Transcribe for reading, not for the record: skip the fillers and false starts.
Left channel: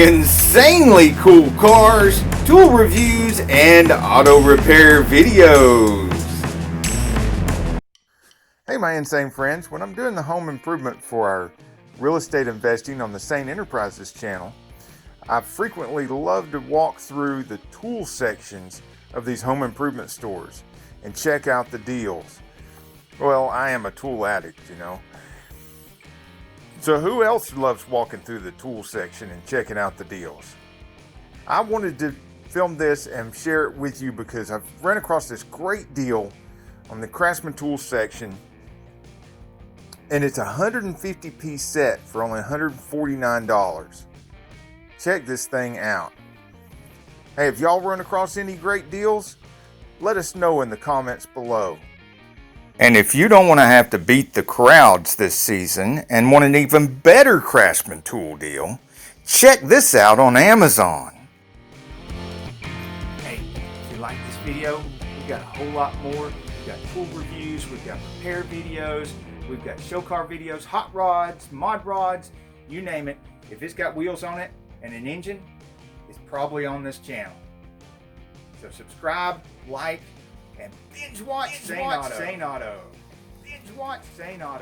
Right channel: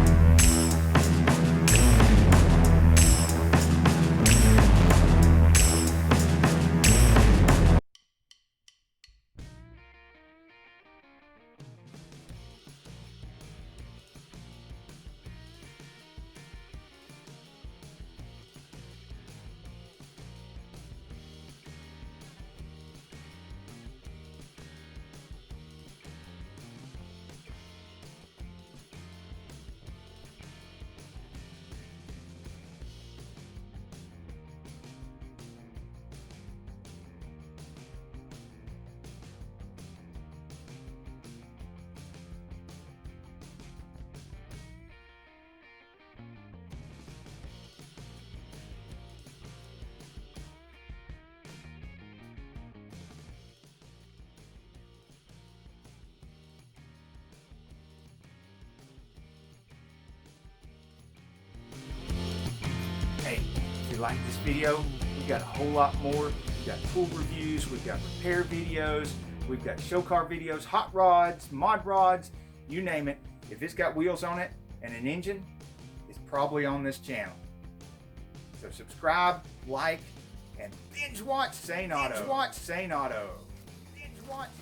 insanely cool cars, tool reviews, and auto repair videos. Hey my insane friends, when I'm doing the home improvement for our real estate investing on the Sane Enterprises channel, I frequently love to walk through the tool sections of these home improvement stores and check out the deals. Well, I am a tool addict, you know. So who else loves walking through the tool section and checking out the deals? I wanted to film this and share it with you because I've run across this great deal on the Craftsmen Tool section, and it's a 150-piece set for only $149. Check this thing out. Hey, if y'all run across any great deals, let us know in the comments below. And if you don't want to have to beat the crowds this season and want an even better Craftsman Tool deal, check this out on Amazon. Hey, if you like this video, we've got a whole lot more. We've got tool reviews, we've got repair videos, we've got show car videos, hot rods, mod rods, you name it. If it's got wheels on it and an engine, it's probably on this channel. So subscribe, like, and binge watch Saneauto. Binge watch Saneauto.